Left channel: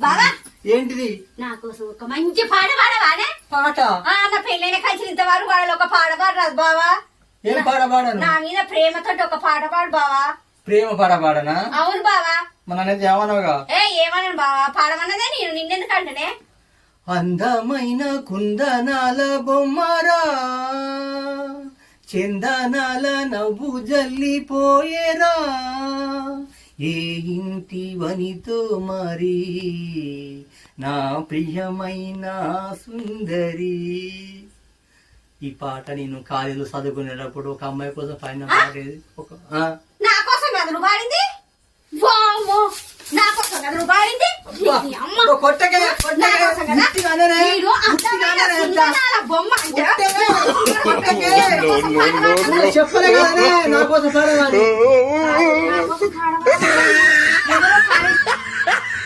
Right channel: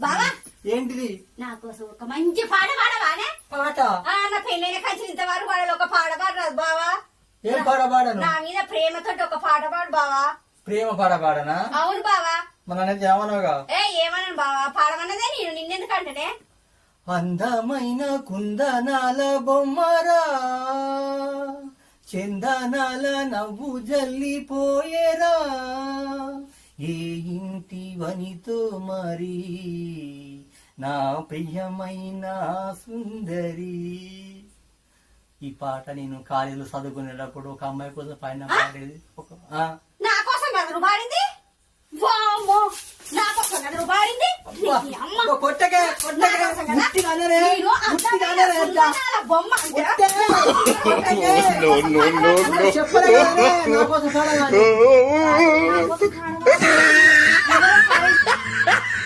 బావా ఏంటిది? నా కోసం ఒక మంచి పాట పాడవానే? పాట? నా పెళ్ళైన కలిసి ఇంతవరకు వాళ్ళు ఒక పాట పాడరాదు బావా. ఏం పాట పాడను? నా మీద ప్రేమతో ఒక పాట పాడు బావా. ప్రేమ పాట పాడనా? అవును బావా. మన అనేది ఏమన్నావుగా? ఏమన్నాను బావా, పాడమన్నదే నేను నిన్నెందుకంటనే. అందమైన కుందనాల బొమ్మరా, చందనాల నవ్వు జల్లిపోయేరా, ఏ ఇంటి వనితో మరి నా ప్రియమైన సుందరి. ఈ పాట నేను కాలేజీలో చదువుకునేటప్పుడు ఒక అమ్మాయి కోసం పైన పాడేది. నా కోసం కదా నువ్వు పాడింది? వామ్మో, నా కోసం కదా నువ్వు పాడింది? కొట్టకే బొమ్మ చెప్పలే